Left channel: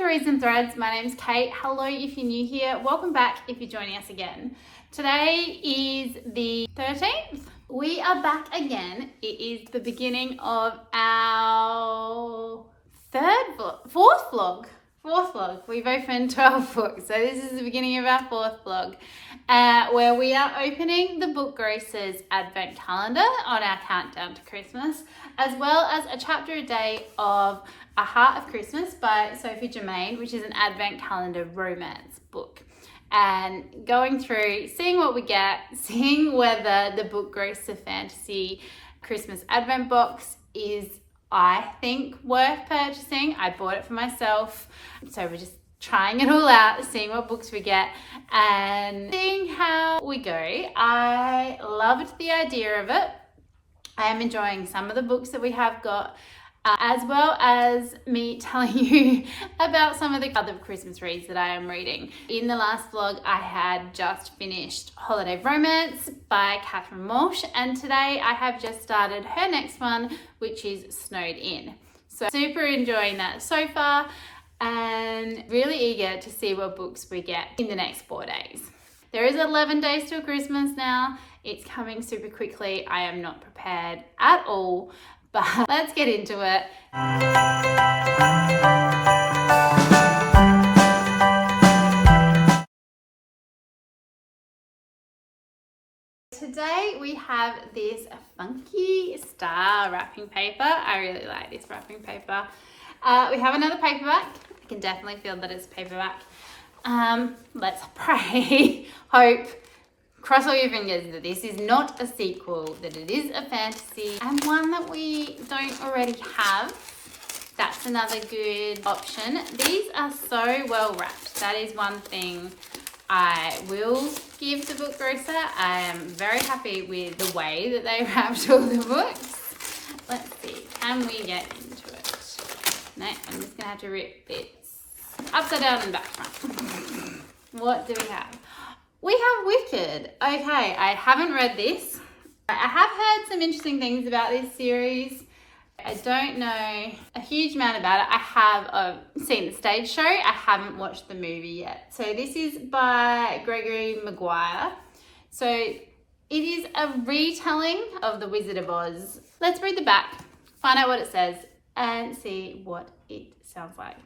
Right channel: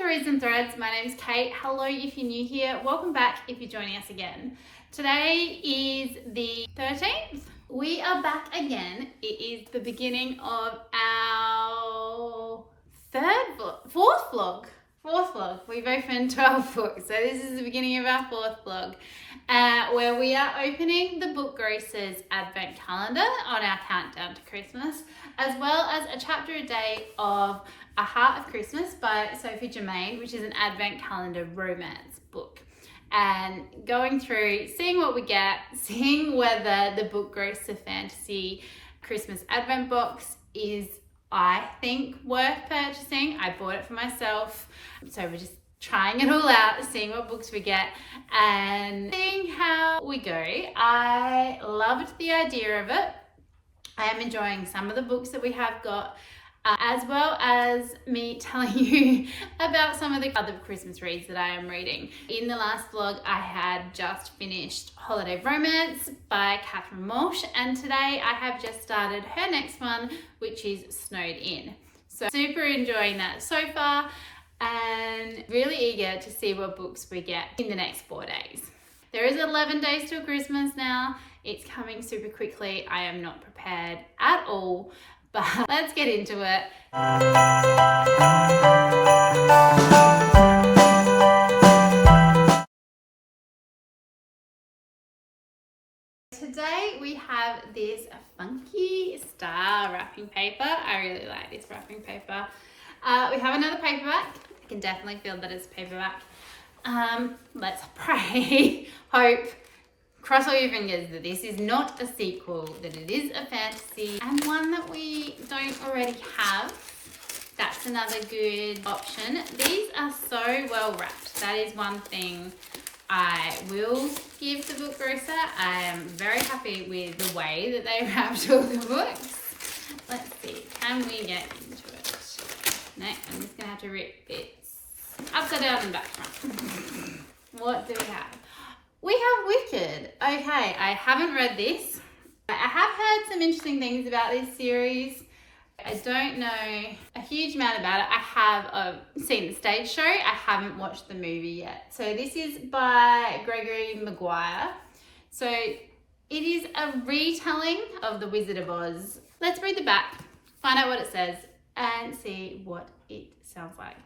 to Reads and Threads. My name's Kate. Hello if you're new here. Welcome back if you're joining us again. Today is the 13th. We are back again. It is the beginning of our fourth vlog. We've opened 12 books, so this is the beginning of our fourth vlog, where we are opening the Book Grocer's Advent Calendar on our countdown to Christmas, as well as a chapter a day of A Heart of Christmas by Sophie Jomain, which is an Advent Calendar romance book. And going through, seeing what we get, seeing whether the Book Grocer Fantasy Christmas Advent box is, I think, worth purchasing. I bought it for myself, so we're just trying it all out, seeing what books we get and seeing how we go. I loved the idea of it. I am enjoying some of the books that we have got, as well as me telling you about some of the other Christmas reads that I am reading. In the last vlog, I had just finished Holiday Romance by Catherine Walsh, and today I have just started her next one, which is Snowed In. So super enjoying that so far and really eager to see what books we get in the next 4 days. There is 11 days till Christmas now. It's coming super quickly. I am not prepared at all. But let's get into it. Today we have this funky star wrapping paper. I really like this wrapping paper. We have another paperback. I can definitely feel that it's paperback. Let's pray, hope, cross all your fingers that this is not a sequel, that it is a fantasy and one that we don't already have. That's another good option. These are so well wrapped. That is one thing I will give the Book Grocer. I am very happy with the way that they wrapped all the books. Let's see, can we get into it? No, I'm just gonna have to rip bits upside down and back front. What do we have? We have Wicked. Okay, I haven't read this. I have heard some interesting things about this series. I don't know a huge amount about it. I have seen the stage show. I haven't watched the movie yet. So this is by Gregory Maguire. So it is a retelling of The Wizard of Oz. Let's read the back, find out what it says, and see what it sounds like.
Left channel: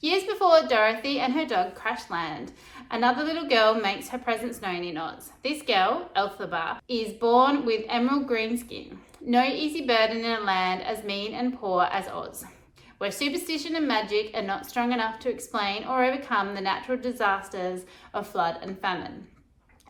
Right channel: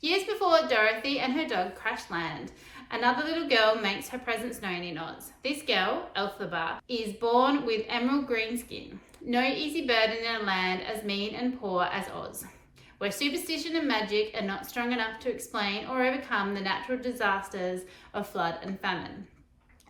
Years before Dorothy and her dog crash land, another little girl makes her presence known in Oz. This girl, Elphaba, is born with emerald green skin. No easy burden in a land as mean and poor as Oz, where superstition and magic are not strong enough to explain or overcome the natural disasters of flood and famine.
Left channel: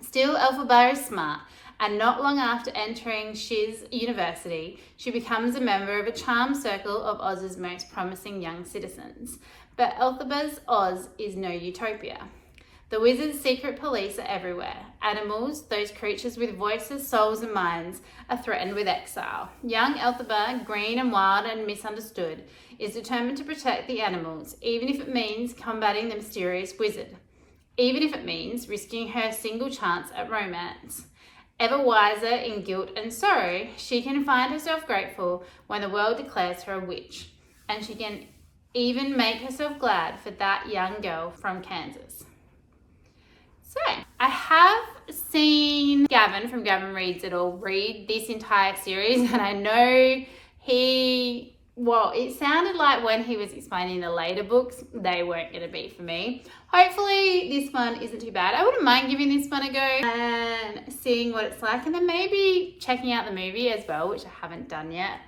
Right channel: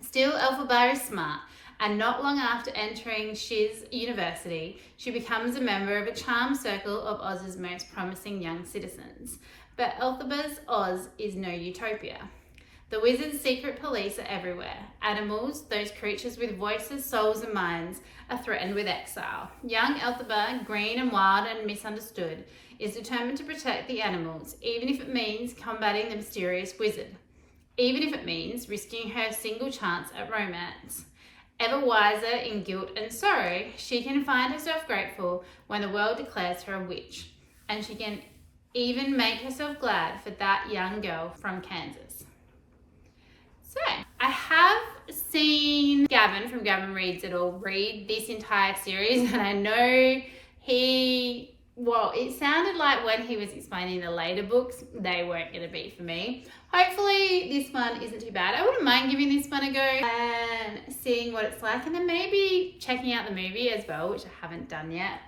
Still, Elphaba is smart, and not long after entering Shiz University, she becomes a member of a charmed circle of Oz's most promising young citizens. But Elphaba's Oz is no utopia. The wizard's secret police are everywhere. Animals, those creatures with voices, souls and minds, are threatened with exile. Young Elphaba, green and wild and misunderstood, is determined to protect the animals, even if it means combating the mysterious wizard. Even if it means risking her single chance at romance. Ever wiser in guilt and sorrow, she can find herself grateful when the world declares her a witch. And she can even make herself glad for that young girl from Kansas. So, I have seen Gavin from Gavin Reads it all read this entire series, and I know it sounded like when he was explaining the later books, they weren't going to be for me. Hopefully this one isn't too bad. I wouldn't mind giving this one a go and seeing what it's like, and then maybe checking out the movie as well, which I haven't done yet.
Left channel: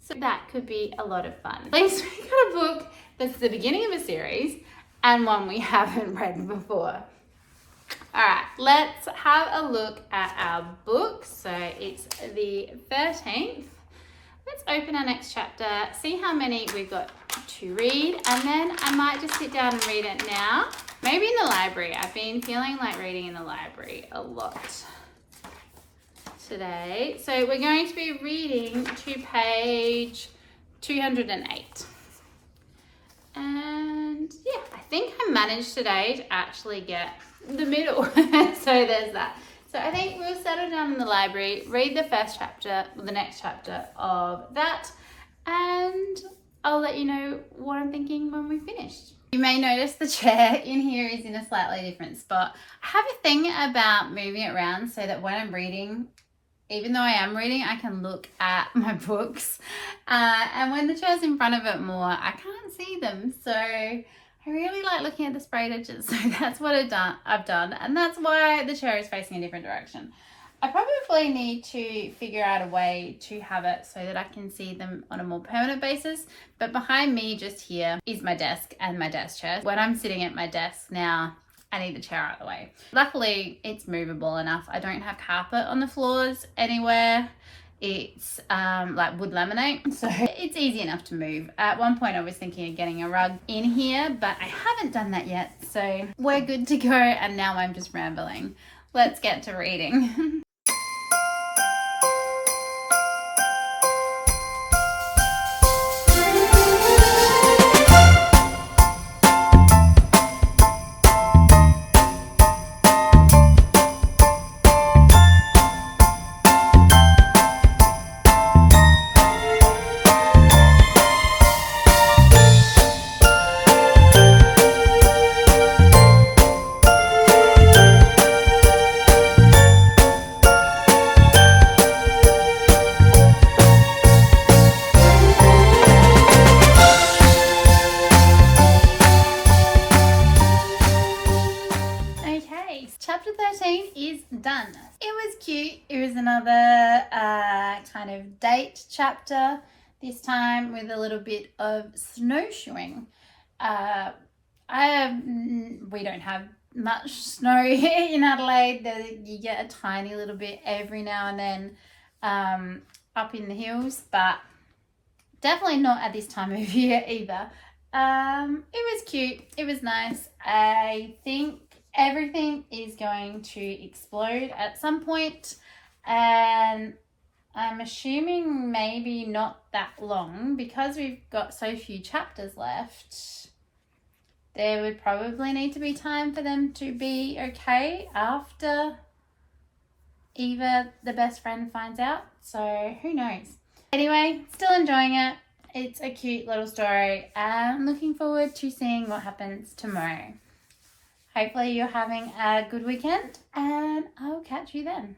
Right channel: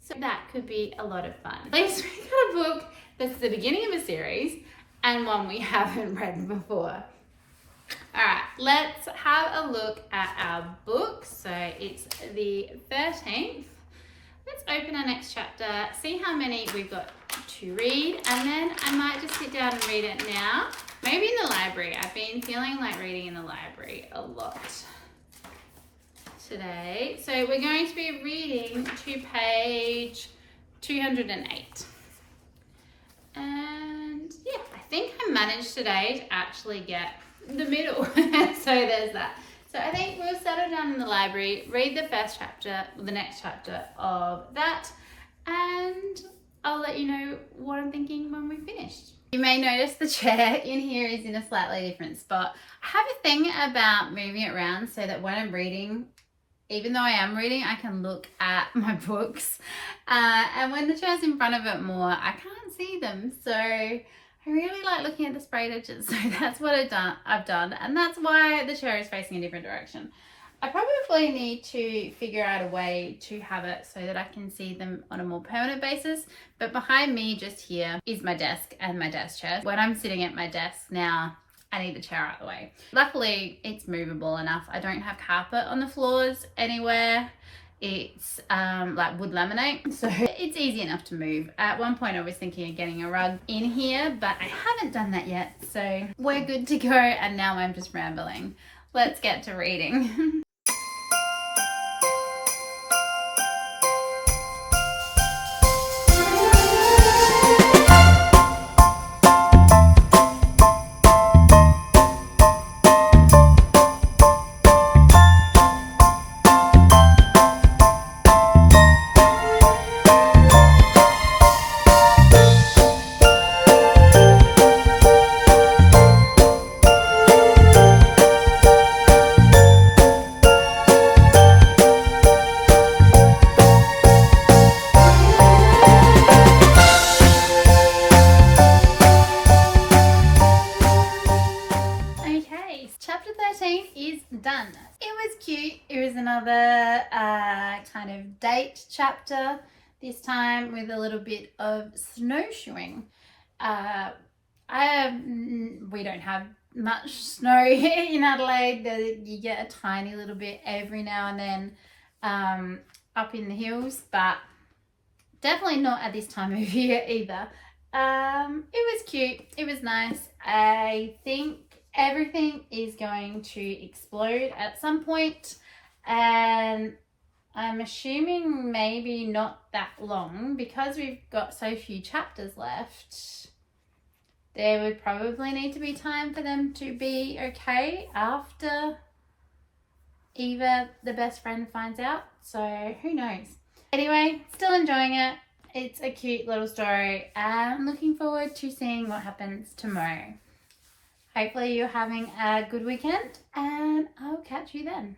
So that could be a lot of fun. At least we got a book that's the beginning of a series and one we haven't read before. All right, let's have a look at our book. So it's the 13th. Let's open our next chapter, see how many we've got to read, and then I might just sit down and read it now. Maybe in the library. I've been feeling like reading in the library a lot today. So we're going to be reading to page 208. And yeah, I think I managed today to actually get the middle. So there's that. So I think we'll settle down in the library, read the first chapter, the next chapter of that, and I'll let you know what I'm thinking when we're finished. You may notice the chair in here is in a slightly different spot. I have a thing about moving it around so that when I'm reading, even though I am reading, I can look at my books. And when the chair's in front of it more, I can't see them. So I really like looking at the sprayed edges. So that's what I've done. And that's why the chair is facing a different direction. I probably need to figure out a way to have it so that I can see them on a more permanent basis. But behind me just here is my desk and my desk chair. When I'm sitting at my desk now, I need the chair out of the way. Luckily, it's movable enough. I don't have carpet on the floors anywhere. It's like wood laminate, so it's easy enough to move. At one point I was thinking of getting a rug in here, but I haven't done that yet. So we're good to go, and now I'm just rambling. Let's get to reading. Chapter 13 is done. It was cute. It was another kind of date chapter, this time with a little bit of snowshoeing. We don't have much snow in Adelaide. You get a tiny little bit every now and then up in the hills, but definitely not at this time of year either. It was cute. It was nice. I think everything is going to explode at some point, and I'm assuming maybe not that long because we've got so few chapters left. There would probably need to be time for them to be okay after Eva, the best friend, finds out. So who knows? Anyway, still enjoying it. It's a cute little story. I'm looking forward to seeing what happens tomorrow. Hopefully you're having a good weekend, and I'll catch you then.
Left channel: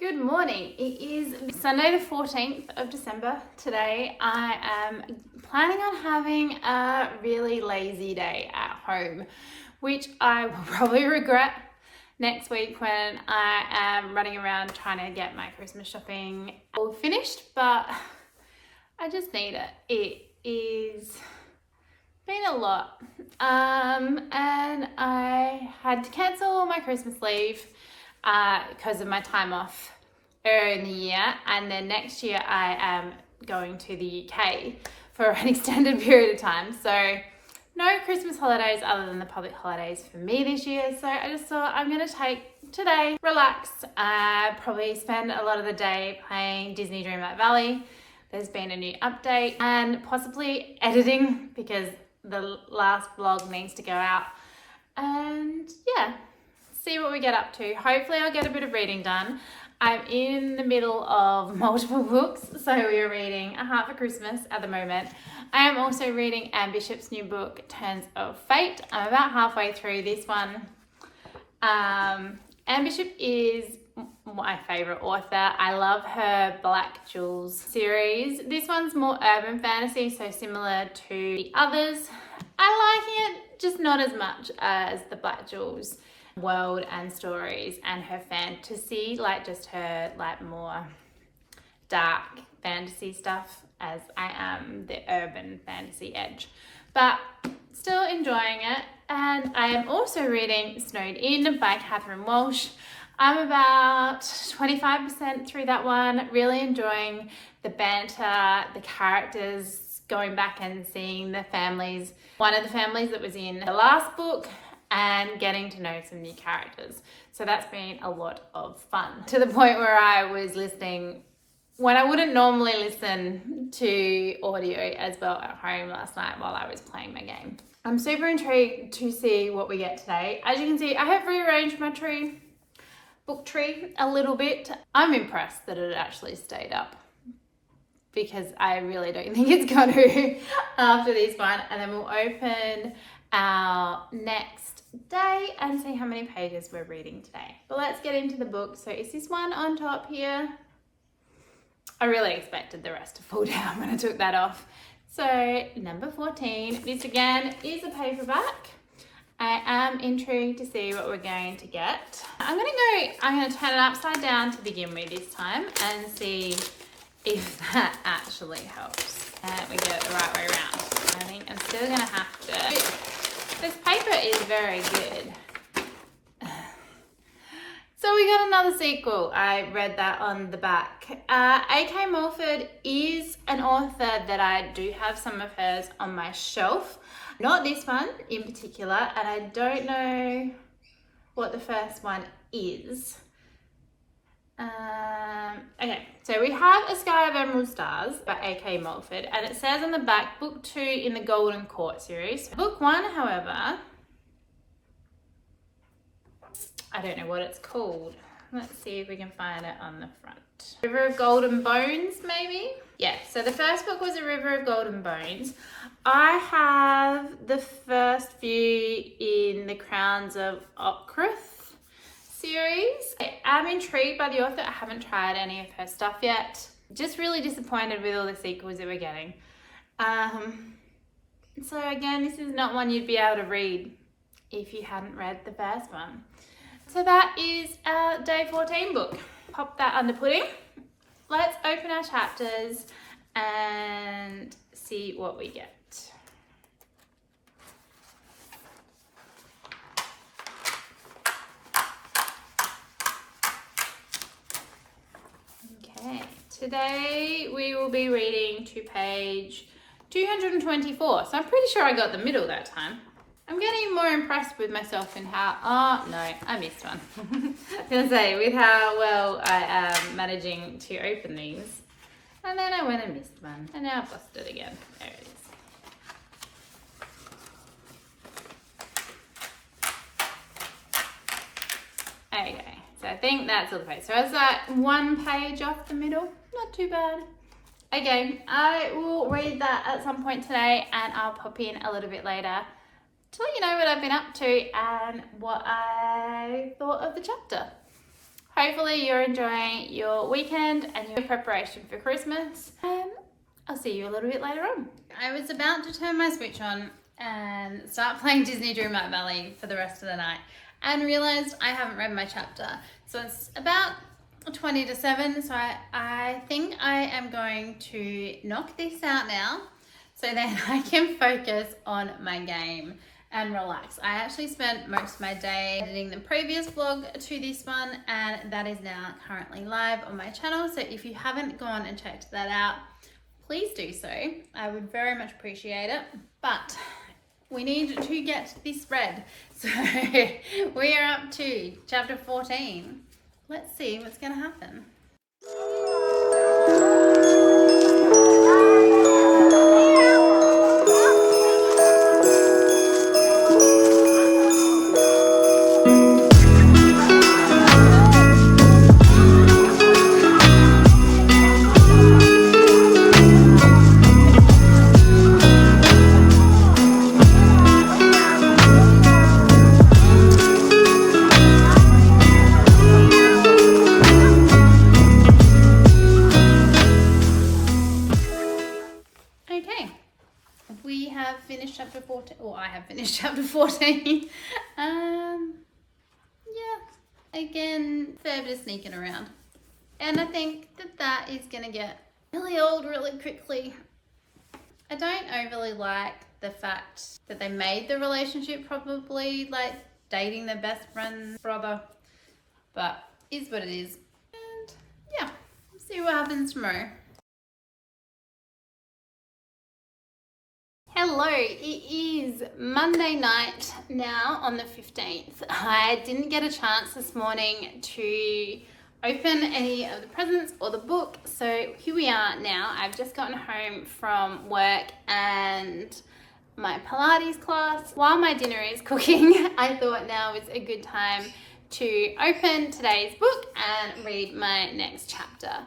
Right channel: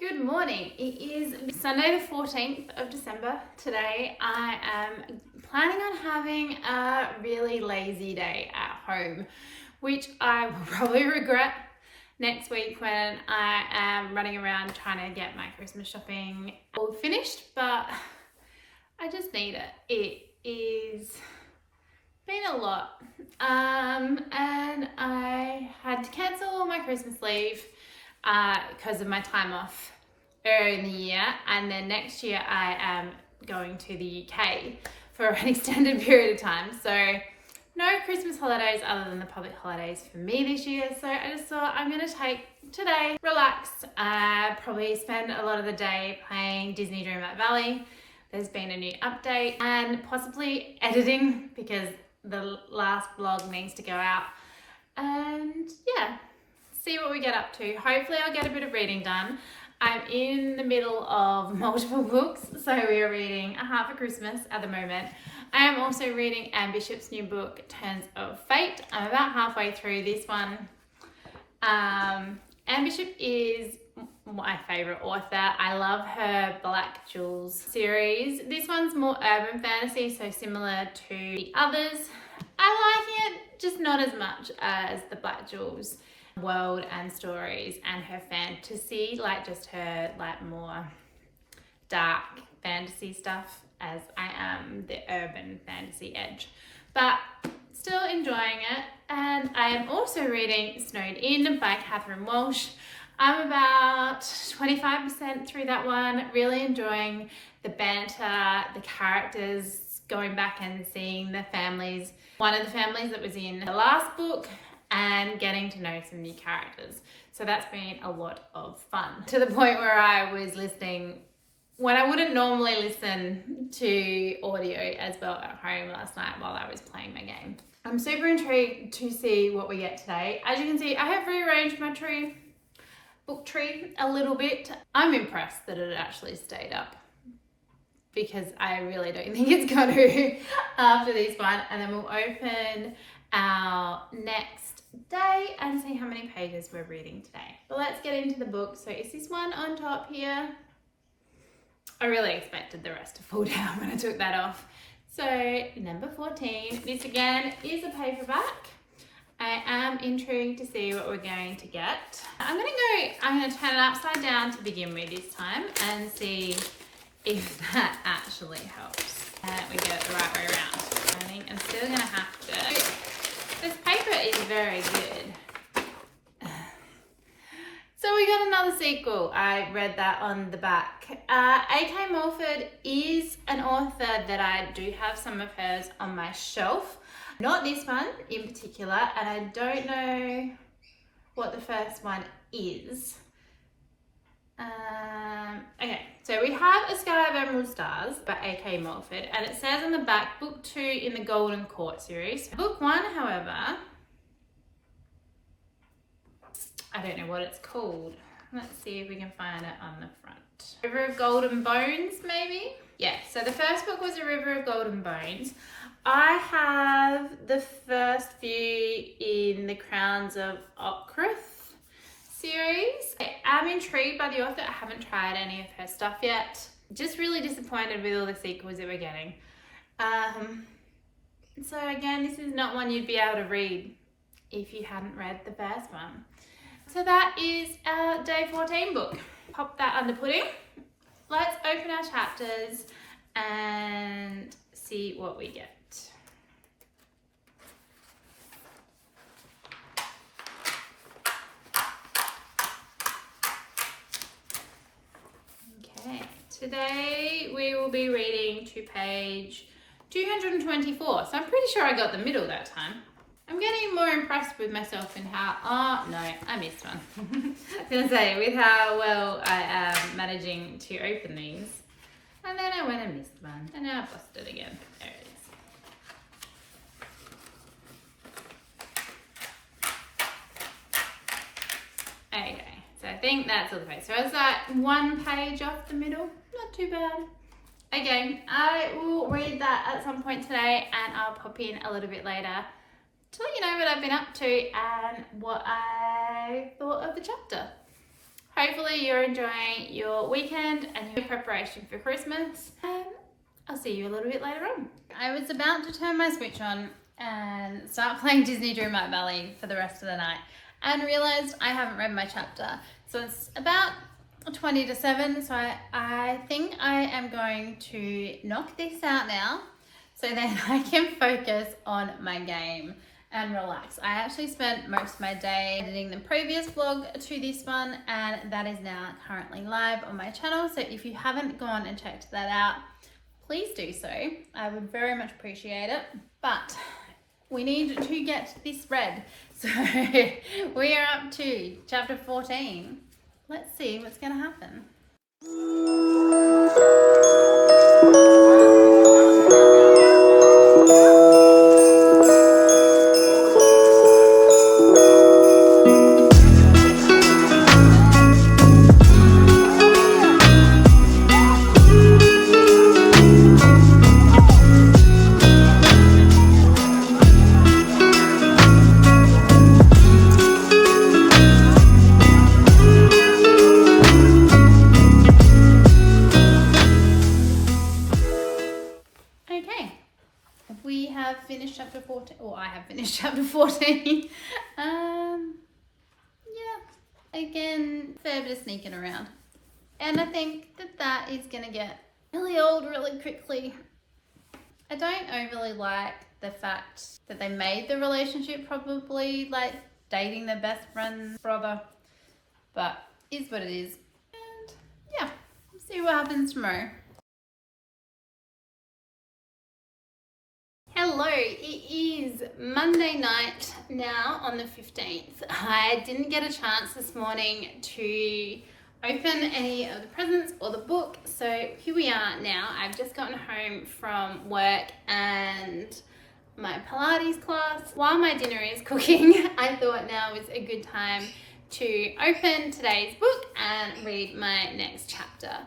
Good morning. It is Sunday the 14th of December. Today I am planning on having a really lazy day at home, which I will probably regret next week when I am running around trying to get my Christmas shopping all finished, but I just need it. It is been a lot, and I had to cancel my Christmas leave because of my time off earlier in the year, and then next year I am going to the UK for an extended period of time, so no Christmas holidays other than the public holidays for me this year. So I just thought I'm going to take today, relax, probably spend a lot of the day playing Disney Dreamlight Valley. There's been a new update, and possibly editing because the last vlog needs to go out, and yeah, see what we get up to. Hopefully I'll get a bit of reading done. I'm in the middle of multiple books, so we are reading A Heart for Christmas at the moment. I am also reading Anne Bishop's new book, Turns of Fate. I'm about halfway through this one. Anne Bishop is my favourite author. I love her Black Jewels series. This one's more urban fantasy, so similar to the others. I like it, just not as much as the Black Jewels world and stories and her fantasy, like just her like more dark fantasy stuff, as I am the urban fantasy edge. But still enjoying it. And I am also reading Snowed In by Catherine Walsh. I'm about 25% through that one, really enjoying the banter, the characters, going back and seeing the families, one of the families that was in the last book, and getting to know some new characters. So that's been a lot of fun, to the point where I was listening when I wouldn't normally listen to audio as well at home last night while I was playing my game. I'm super intrigued to see what we get today. As you can see, I have rearranged my book tree a little bit. I'm impressed that it actually stayed up because I really don't think it's going to after this one. And then we'll open our next day and see how many pages we're reading today. But let's get into the book. So is this one on top here? I really expected the rest to fall down when I took that off. So number 14, this again is a paperback. I am intrigued to see what we're going to get. I'm gonna turn it upside down to begin with this time and see if that actually helps. We get it the right way around. I think I'm still gonna have to. This paper is very good. So we got another sequel. I read that on the back. A.K. Mulford is an author that I do have some of hers on my shelf. Not this one in particular, and I don't know what the first one is. Okay, so we have A Sky of Emerald Stars by A.K. Mulford, and it says on the back, book 2 in the Golden Court series. Book 1, however, I don't know what it's called. Let's see if we can find it on the front. River of Golden Bones, maybe? Yeah, so the first book was A River of Golden Bones. I have the first few in the Crowns of Ockruth series. I'm intrigued by the author. I haven't tried any of her stuff yet. Just really disappointed with all the sequels that we're getting. So again, this is not one you'd be able to read if you hadn't read the first one. So that is our day 14 book. Pop that under pudding. Let's open our chapters and see what we get. Okay, today we will be reading to page 224. So I'm pretty sure I got the middle that time. I'm getting more impressed with myself and how, oh no, I missed one. I was gonna say, with how well I am managing to open these. And then I went and missed one. And now I've lost it again. There it is. Okay, so I think that's all the page. So it's like one page off the middle. Not too bad. Again, I will read that at some point today and I'll pop in a little bit later to let you know what I've been up to and what I thought of the chapter. Hopefully you're enjoying your weekend and your preparation for Christmas, and I'll see you a little bit later on. I was about to turn my Switch on and start playing Disney Dreamlight Valley for the rest of the night and realised I haven't read my chapter. So it's about 20 to 7, so I think I am going to knock this out now so then I can focus on my game and relax. I actually spent most of my day editing the previous vlog to this one, and that is now currently live on my channel. So if you haven't gone and checked that out, please do so. I would very much appreciate it. But we need to get this read. So we are up to chapter 14. Let's see what's going to happen. Chapter 14, or I have finished chapter 14. Yeah, again, fair bit of sneaking around. And I think that is going to get really old really quickly. I don't overly like the fact that they made the relationship probably like dating their best friend's brother, but is what it is. And yeah, we'll see what happens tomorrow. Hello, it is Monday night now on the 15th. I didn't get a chance this morning to open any of the presents or the book, so here we are now. I've just gotten home from work and my Pilates class. While my dinner is cooking, I thought now was a good time to open today's book and read my next chapter.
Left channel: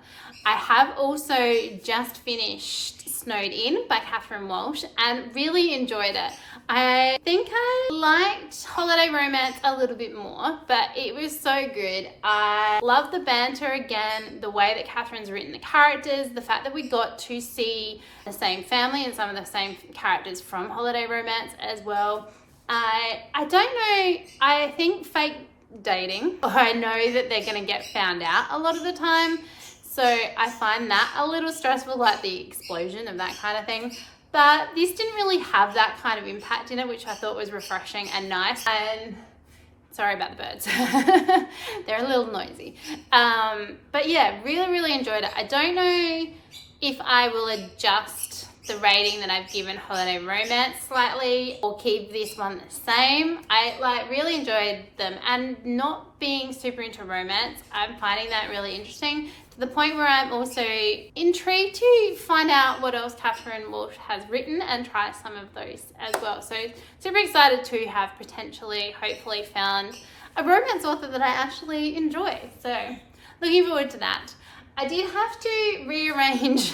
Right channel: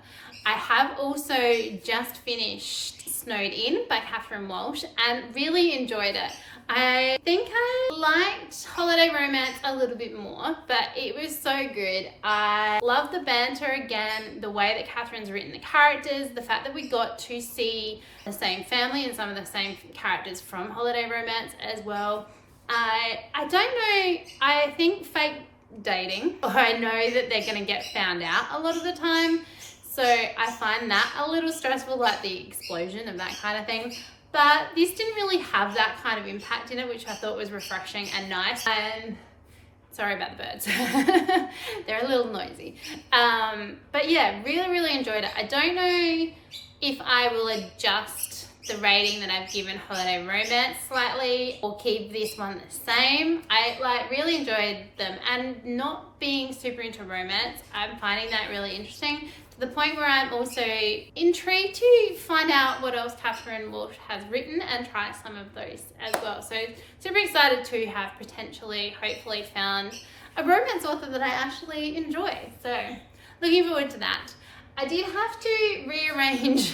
I have also just finished Snowed In by Catherine Walsh and really enjoyed it. I think I liked Holiday Romance a little bit more, but it was so good. I love the banter again, the way that Catherine's written the characters, the fact that we got to see the same family and some of the same characters from Holiday Romance as well. I don't know, I think fake dating, or I know that they're going to get found out a lot of the time. So I find that a little stressful, like the explosion of that kind of thing. But this didn't really have that kind of impact in it, which I thought was refreshing and nice. And sorry about the birds. They're a little noisy. But yeah, really enjoyed it. I don't know if I will adjust the rating that I've given Holiday Romance slightly or keep this one the same. I really enjoyed them, and not being super into romance, I'm finding that really interesting, to the point where I'm also intrigued to find out what else Catherine Walsh has written and try some of those as well. So super excited to have potentially, hopefully, found a romance author that I actually enjoy. So looking forward to that. I did have to rearrange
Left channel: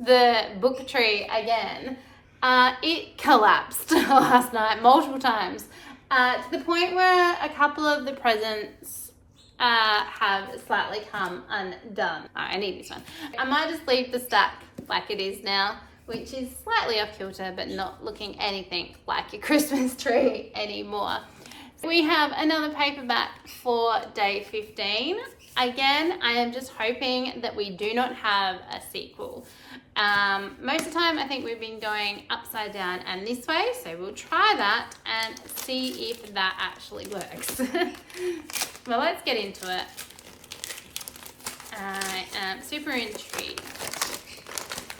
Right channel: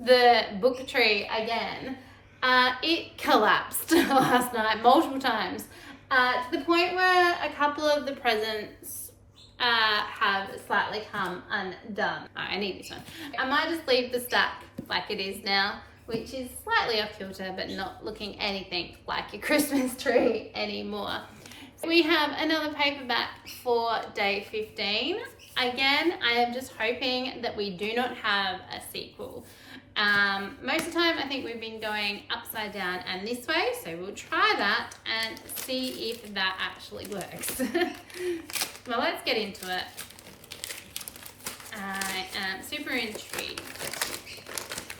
the book tree again. It collapsed last night multiple times, to the point where a couple of the presents have slightly come undone. Oh, I need this one. I might just leave the stack like it is now, which is slightly off kilter, but not looking anything like a Christmas tree anymore. We have another paperback for day 15. Again, I am just hoping that we do not have a sequel. Most of the time I think we've been going upside down and this way, so we'll try that and see if that actually works. Well, let's get into it. I am super intrigued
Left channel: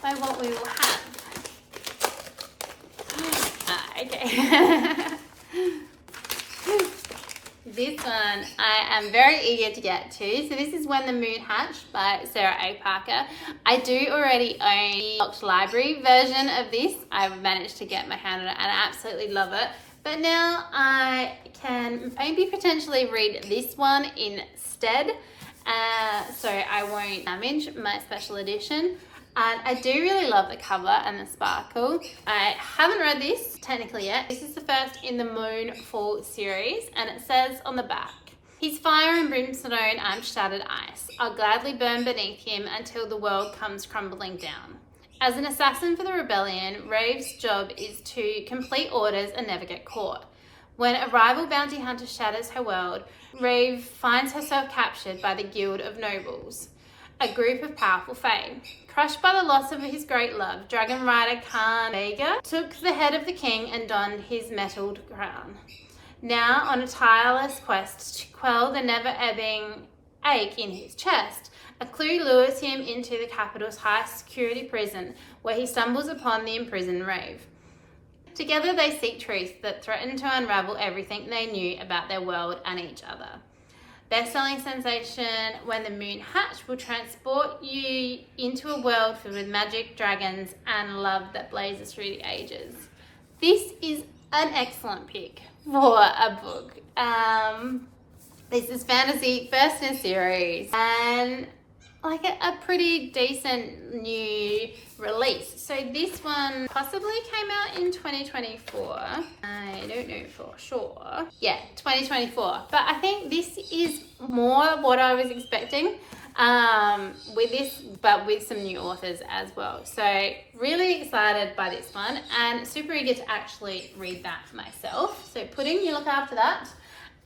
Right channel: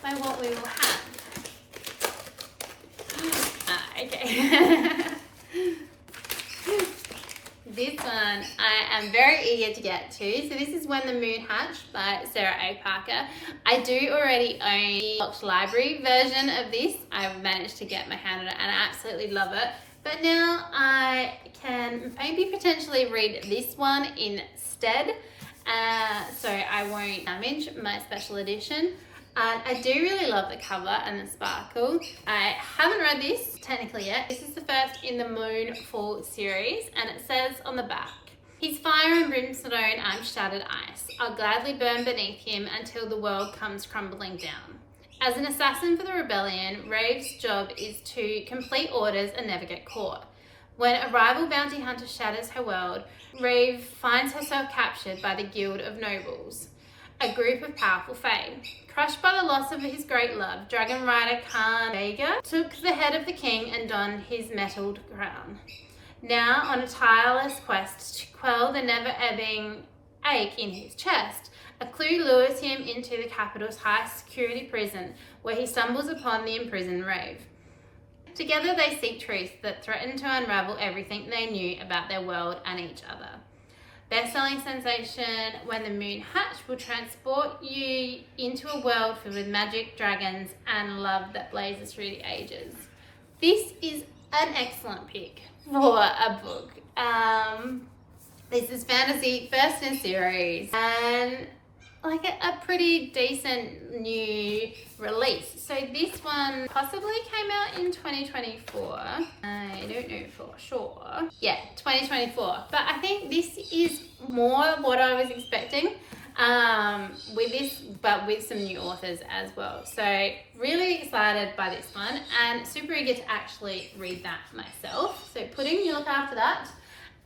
by what we will have. Okay. This one I am very eager to get to. So this is When the Moon Hatched by Sarah A. Parker. I do already own the Locked Library version of this. I've managed to get my hand on it and I absolutely love it. But now I can maybe potentially read this one instead. So I won't damage my special edition. And I do really love the cover and the sparkle. I haven't read this technically yet. This is the first in the Moonfall series, and it says on the back, "His fire and brimstone and shattered ice. I'll gladly burn beneath him until the world comes crumbling down." As an assassin for the rebellion, Rave's job is to complete orders and never get caught. When a rival bounty hunter shatters her world, Rave finds herself captured by the Guild of Nobles, a group of powerful fae. Crushed by the loss of his great love, Dragon Rider Khan Vega took the head of the king and donned his metalled crown. Now on a tireless quest to quell the never-ebbing ache in his chest, a clue lures him into the capital's high-security prison, where he stumbles upon the imprisoned Rave. Together they seek truths that threaten to unravel everything they knew about their world and each other. Best-selling sensation When the Moon Hatched will transport you into a world filled with magic, dragons, and love that blazes through the ages. This is an excellent pick for a book. This is fantasy, first in a series, and like a pretty decent new release. So this one possibly came out in 2024. I don't know for sure. Yeah, 2024. But I think this is more what I was expecting with this, but with some new authors as well. So really excited by this one and super eager to actually read that myself. So Pudding, you look after that.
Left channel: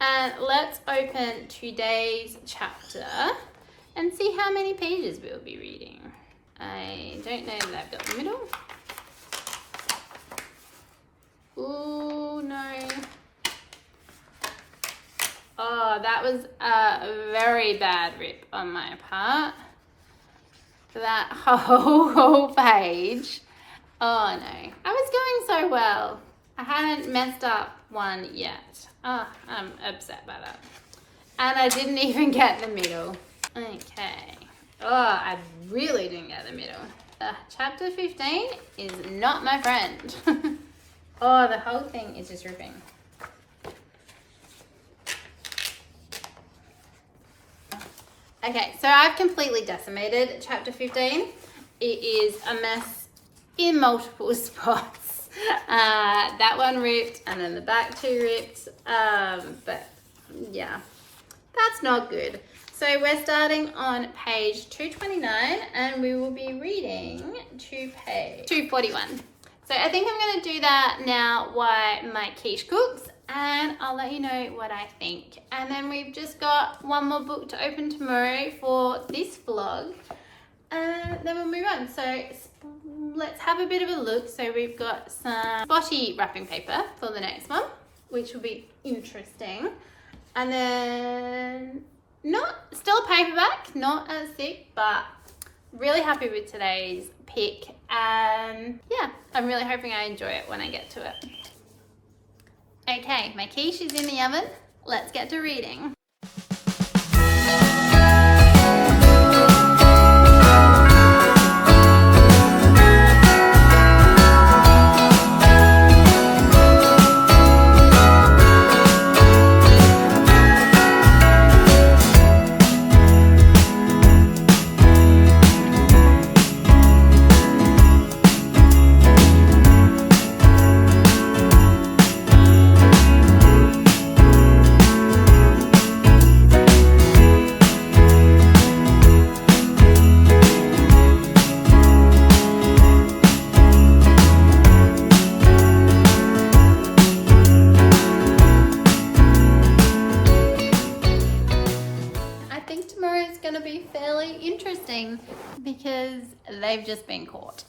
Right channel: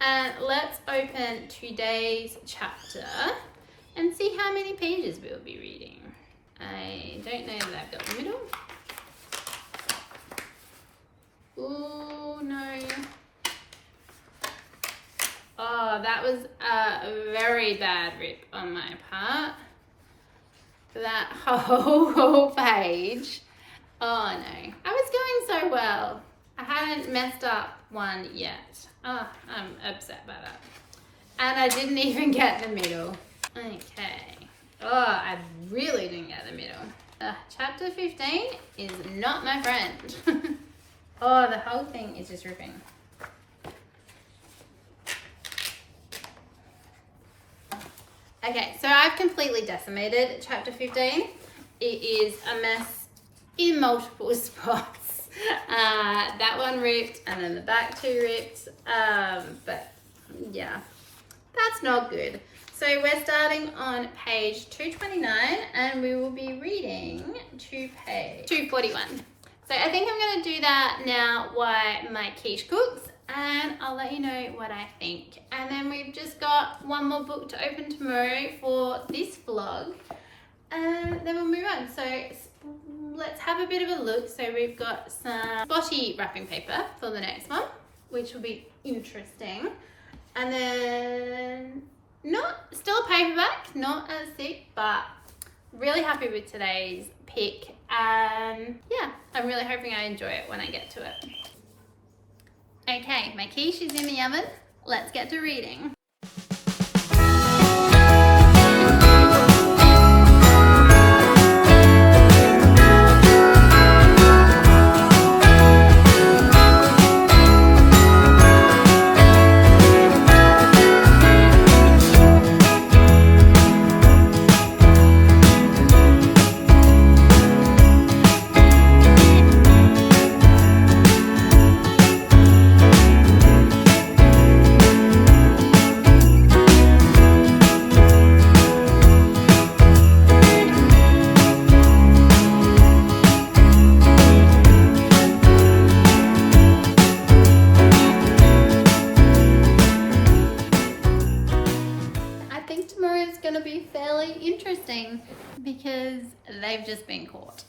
And let's open today's chapter and see how many pages we'll be reading. I don't know that I've got the middle. Ooh, no. Oh, that was a very bad rip on my part. That whole page. Oh no. I was going so well. I hadn't messed up one yet. Oh, I'm upset by that. And I didn't even get the middle. Okay. Oh, I really didn't get the middle. Chapter 15 is not my friend. Oh, the whole thing is just ripping. Okay, so I've completely decimated chapter 15. It is a mess in multiple spots. That one ripped and then the back two ripped. But yeah, that's not good. So we're starting on page 229 and we will be reading to page 241. So I think I'm going to do that now while my quiche cooks, and I'll let you know what I think. And then we've just got one more book to open tomorrow for this vlog, and then we'll move on. So let's have a bit of a look. So we've got some spotty wrapping paper for the next one, which will be interesting. And then still paperback, not as thick, but really happy with today's pick. And yeah, I'm really hoping I enjoy it when I get to it. Okay, my quiche is in the oven. Let's get to reading. Going to be fairly interesting because they've just been caught.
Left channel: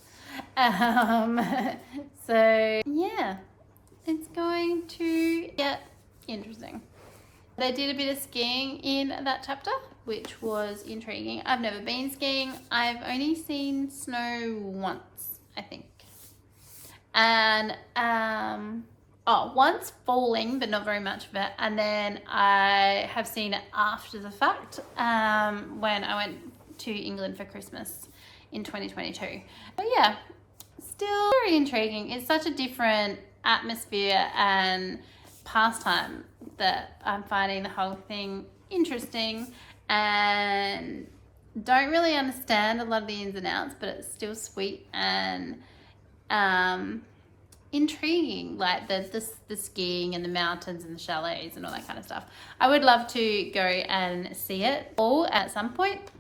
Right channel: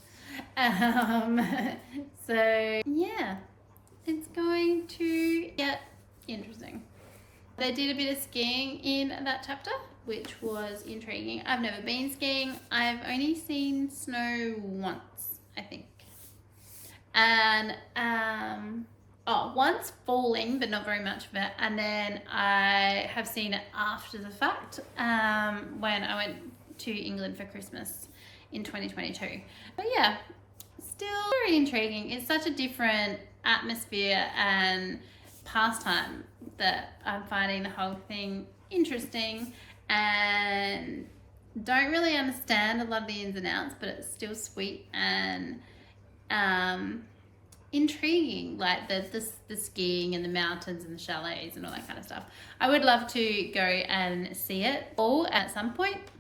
So yeah, it's going to get interesting. They did a bit of skiing in that chapter, which was intriguing. I've never been skiing. I've only seen snow once, I think. And once falling, but not very much of it. And then I have seen it after the fact when I went to England for Christmas in 2022. But yeah, still very intriguing. It's such a different atmosphere and pastime that I'm finding the whole thing interesting, and don't really understand a lot of the ins and outs, but it's still sweet and intriguing, like the skiing and the mountains and the chalets and all that kind of stuff. I would love to go and see it all at some point.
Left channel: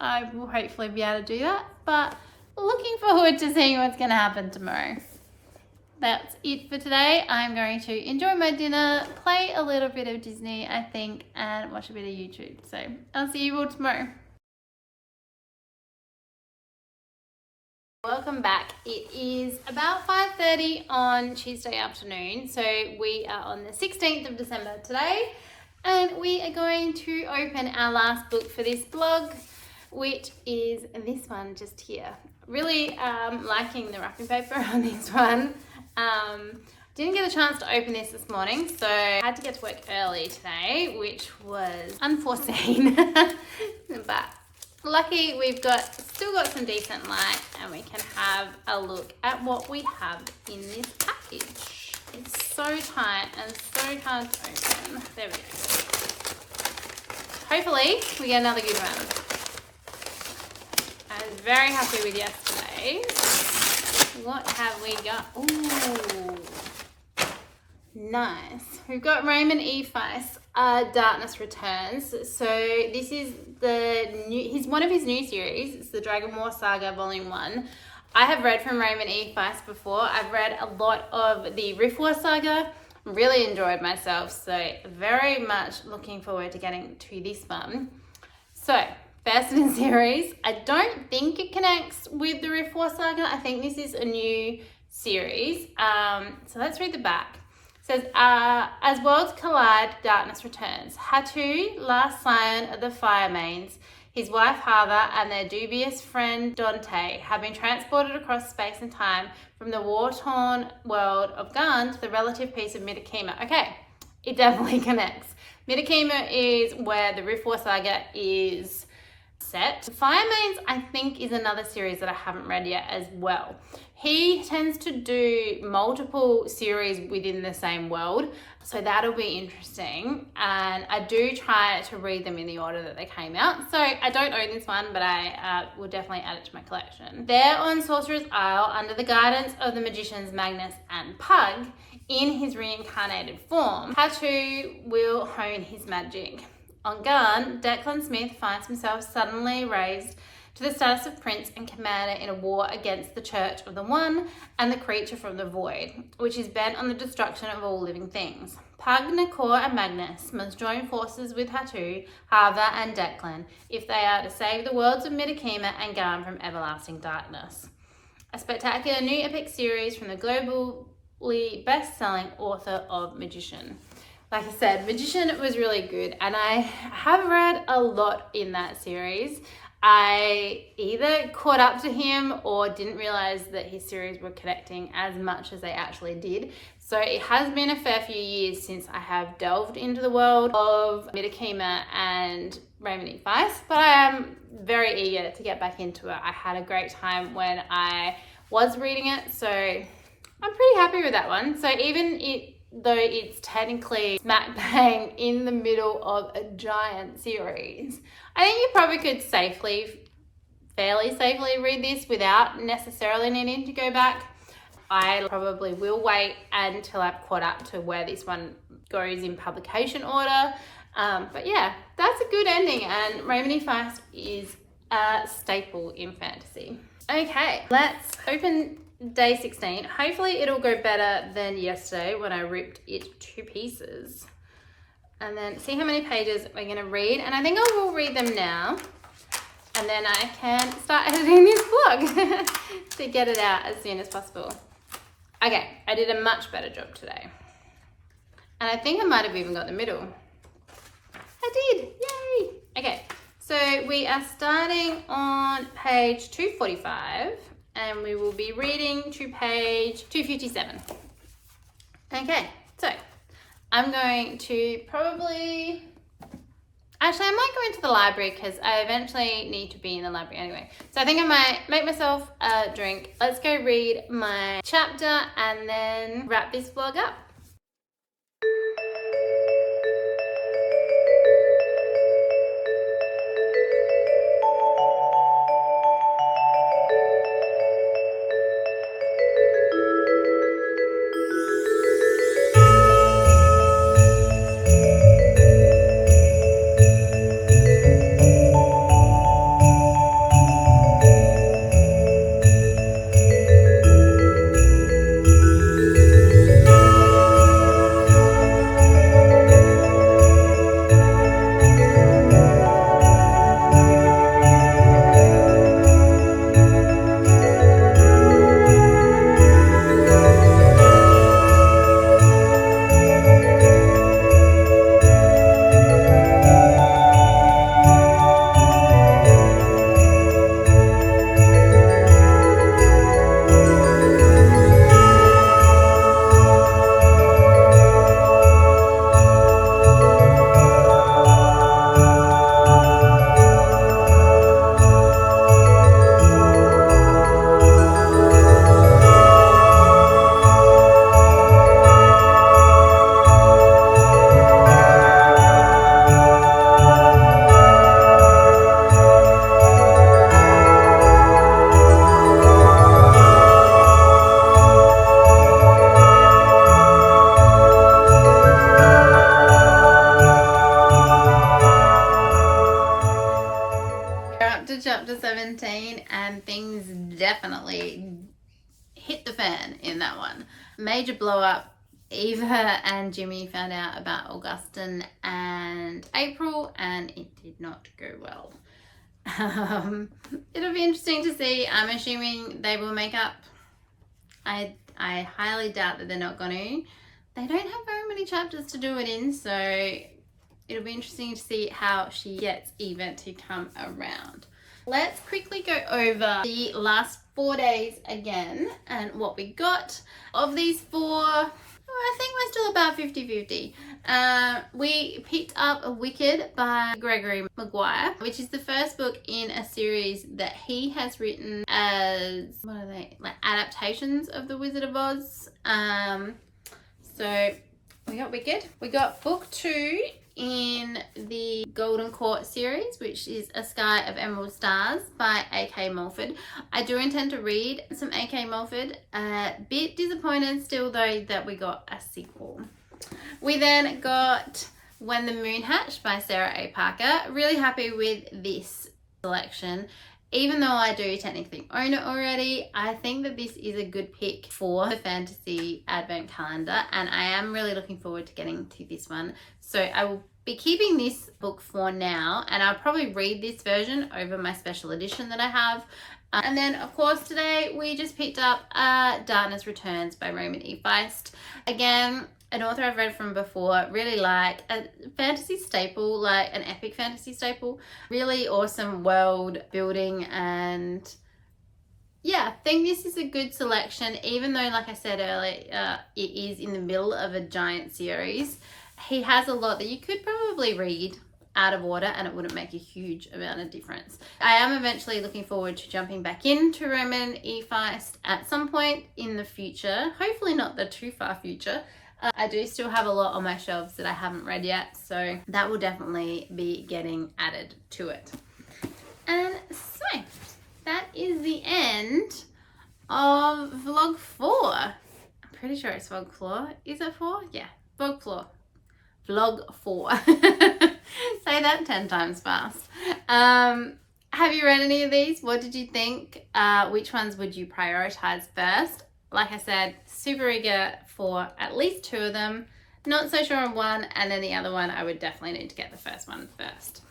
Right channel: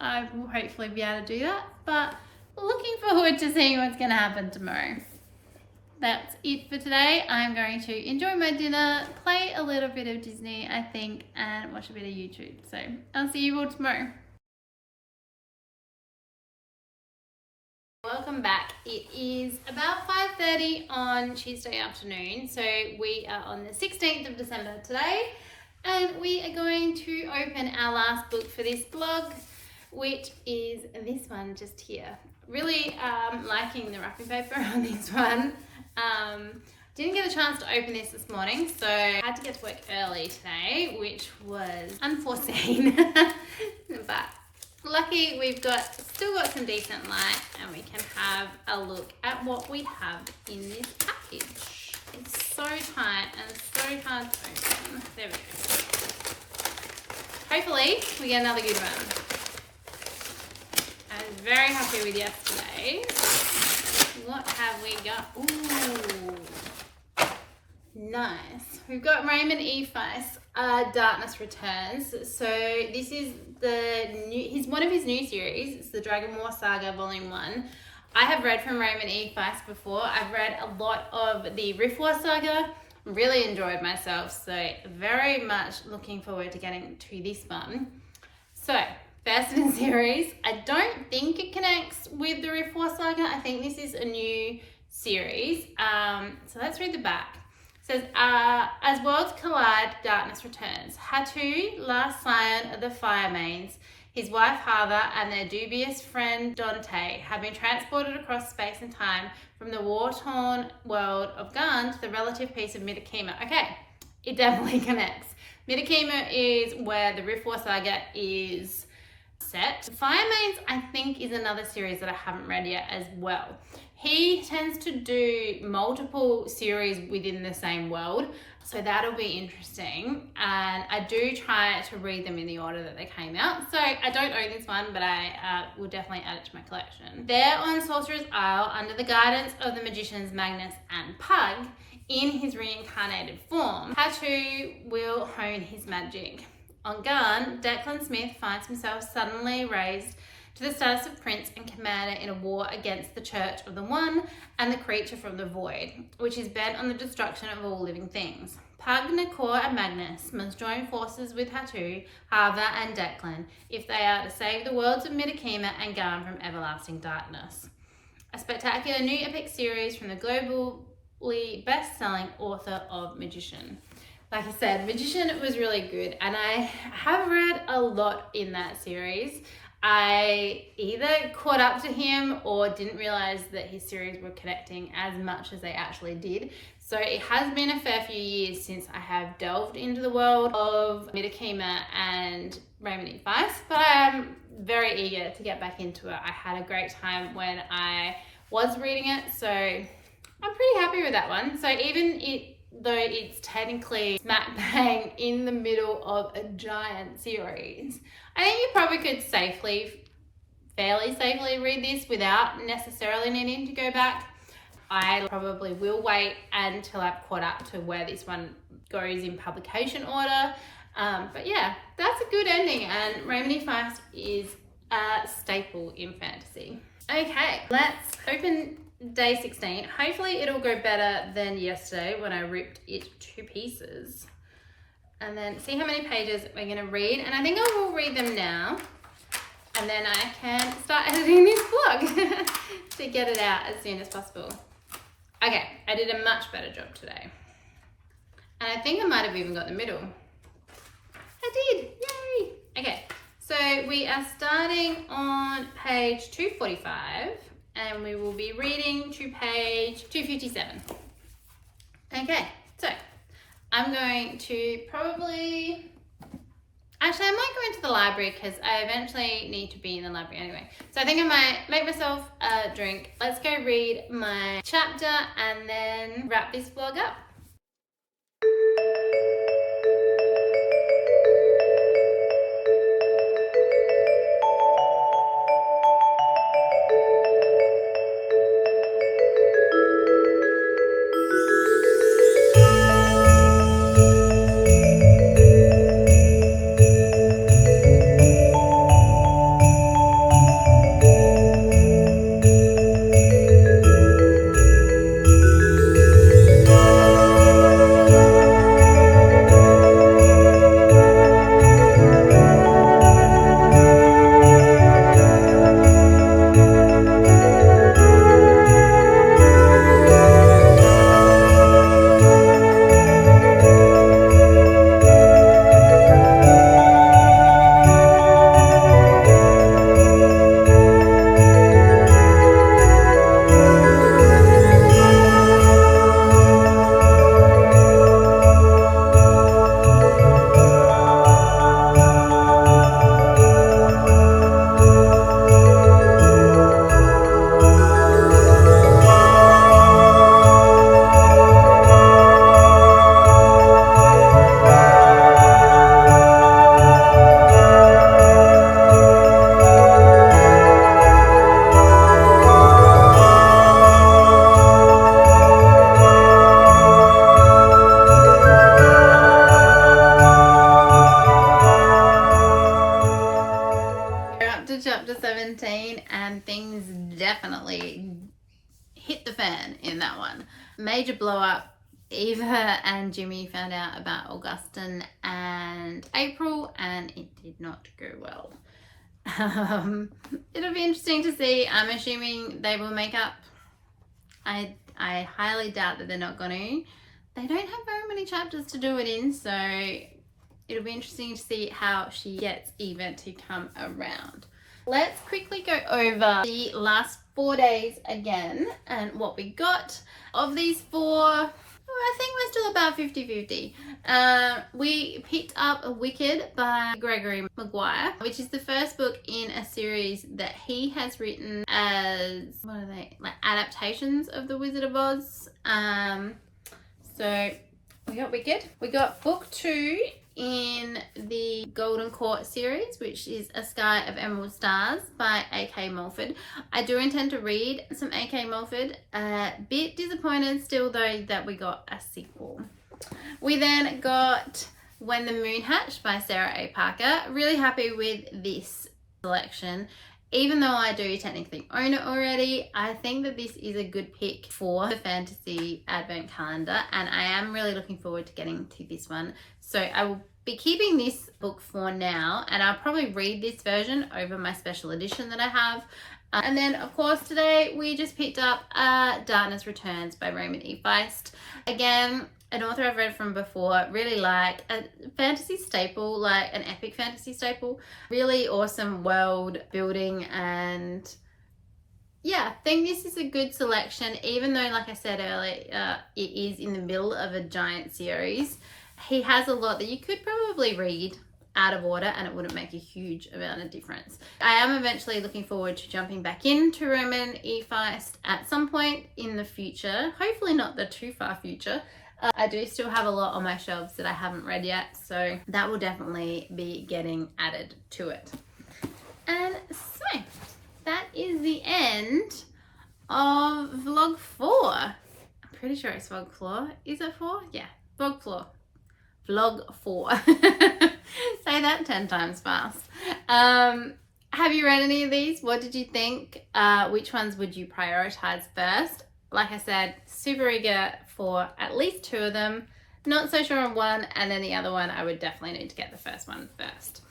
I will hopefully be able to do that, but looking forward to seeing what's going to happen tomorrow. That's it for today. I'm going to enjoy my dinner, play a little bit of Disney, I think, and watch a bit of YouTube. So I'll see you all tomorrow. Welcome back. It is about 5:30 on Tuesday afternoon. So we are on the 16th of December today, and we are going to open our last book for this vlog, which is this one just here. Really liking the wrapping paper on this one. Didn't get a chance to open this morning, so I had to get to work early today, which was unforeseen. But lucky we've still got some decent light, and we can have a look at what we have in this package. It's so tight and so hard to open. There we go. Hopefully we get another good one. I'm very happy with yesterday. What have we got? Ooh, nice. We've got Raymond E. Feist, Darkness Returns. So this is one of his new series. It's the Dragon War Saga Volume 1. I have read from Raymond E. Feist before. I've read a lot of the Rift War Saga. Really enjoyed myself. So very much looking forward to getting to this one. So first in the series. I don't think it connects with the Rift War Saga. I think this is a new series. So let's read the back. It says, as worlds collide, darkness returns. Hatu, last scion of the Fire Mains, his wife Hava, and their dubious friend Dante have been transported across space and time from the war-torn world of Garn to the relative peace of Midakima. Okay, it definitely connects. Midakima is where the Rift War Saga is set. Fire Mains, I think, is another series that I haven't read yet as well. He tends to do multiple series within the same world, so that'll be interesting. And I do try to read them in the order that they came out. So I don't own this one, but I will definitely add it to my collection. There on Sorcerer's Isle, under the guidance of the magicians Magnus and Pug, in his reincarnated form, Hatu will hone his magic. On Garn, Declan Smith finds himself suddenly raised to the status of prince and commander in a war against the Church of the One and the creature from the void, which is bent on the destruction of all living things. Pug, Nakor and Magnus must join forces with Hatu, Hava and Declan if they are to save the worlds of Midakima and Garn from everlasting darkness. A spectacular new epic series from the globally best-selling author of Magician. Like I said, Magician was really good, and I have read a lot in that series. I either caught up to him or didn't realize that his series were connecting as much as they actually did. So it has been a fair few years since I have delved into the world of Midakima and Raymond Weiss, but I am very eager to get back into it. I had a great time when I was reading it, so I'm pretty happy with that one. So though it's technically smack bang in the middle of a giant series, I think you probably could fairly safely read this without necessarily needing to go back. I probably will wait until I've caught up to where this one goes in publication order. But yeah, that's a good ending, and Raymond Weiss is a staple in fantasy. Okay, let's open day 16. Hopefully it'll go better than yesterday when I ripped it to pieces. And then see how many pages we're going to read. And I think I will read them now. And then I can start editing this vlog to get it out as soon as possible. Okay, I did a much better job today. And I think I might have even got the middle. I did! Yay! Okay, so we are starting on page 245. And we will be reading to page 257. Okay, so I'm going to probably... Actually, I might go into the library because I eventually need to be in the library anyway. So I think I might make myself a drink. Let's go read my chapter and then wrap this vlog up. Chapter 17, and things definitely hit the fan in that one. Major blow up. Eva and Jimmy found out about Augustine and April, and it did not go well. It'll be interesting to see. I'm assuming they will make up. I highly doubt that they're not going to. They don't have very many chapters to do it in, so it'll be interesting to see how she gets Eva to come around. Let's quickly go over the last 4 days again and what we got. Of these 4, I think we're still about 50-50. We picked up Wicked by Gregory Maguire, which is the first book in a series that he has written as, what are they, like adaptations of The Wizard of Oz. So we got Wicked. We got book 2 in the Golden Court series, which is A Sky of Emerald Stars by A.K. Mulford. I do intend to read some A.K. Mulford. A bit disappointed still though that we got a sequel. We then got When the Moon Hatched by Sarah A. Parker. Really happy with this selection. Even though I do technically own it already, I think that this is a good pick for the fantasy advent calendar, and I am really looking forward to getting to this one. So I will be keeping this book for now, and I'll probably read this version over my special edition that I have. And then, of course, today we just picked up Darkness Returns by Raymond E. Feist. Again, an author I've read from before, really like a fantasy staple, like an epic fantasy staple. Really awesome world building, and yeah, I think this is a good selection, even though, like I said earlier, it is in the middle of a giant series. He has a lot that you could probably read out of order and it wouldn't make a huge amount of difference. I am eventually looking forward to jumping back into Raymond E. Feist at some point in the future, hopefully not the too far future. I do still have a lot on my shelves that I haven't read yet, so that will definitely be getting added to it. And so that is the end of vlog 4. I'm pretty sure it's vlog 4. Is it 4? Yeah, vlog 4. Vlog 4. Say that 10 times fast. Have you read any of these? What did you think? Which ones would you prioritize first? Like I said, super eager for at least 2 of them. Not so sure on one, and then the other one I would definitely need to get the first one first.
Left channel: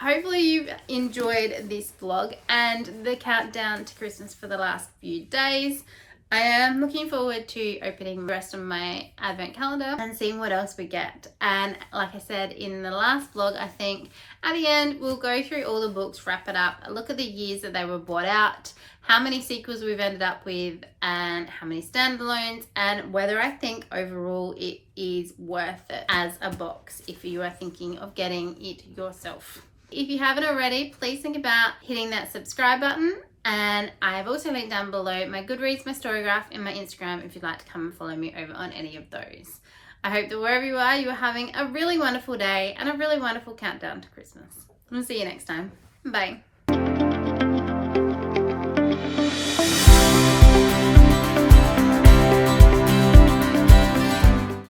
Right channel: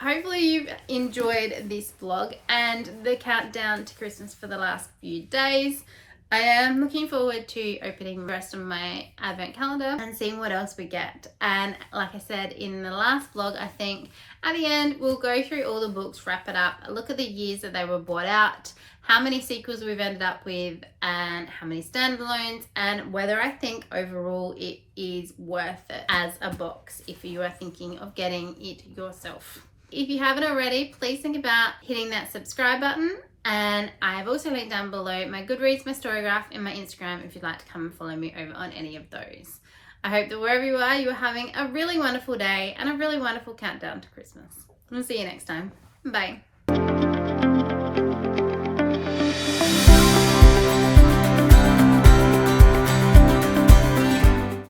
Hopefully you've enjoyed this vlog and the countdown to Christmas for the last few days. I am looking forward to opening the rest of my advent calendar and seeing what else we get. And like I said in the last vlog, I think at the end we'll go through all the books, wrap it up, look at the years that they were bought out, how many sequels we've ended up with, and how many standalones, and whether I think overall it is worth it as a box if you are thinking of getting it yourself. If you haven't already, please think about hitting that subscribe button. And I've also linked down below my Goodreads, my Storygraph, and my Instagram if you'd like to come and follow me over on any of those. I hope that wherever you are having a really wonderful day and a really wonderful countdown to Christmas. We'll see you next time. Bye.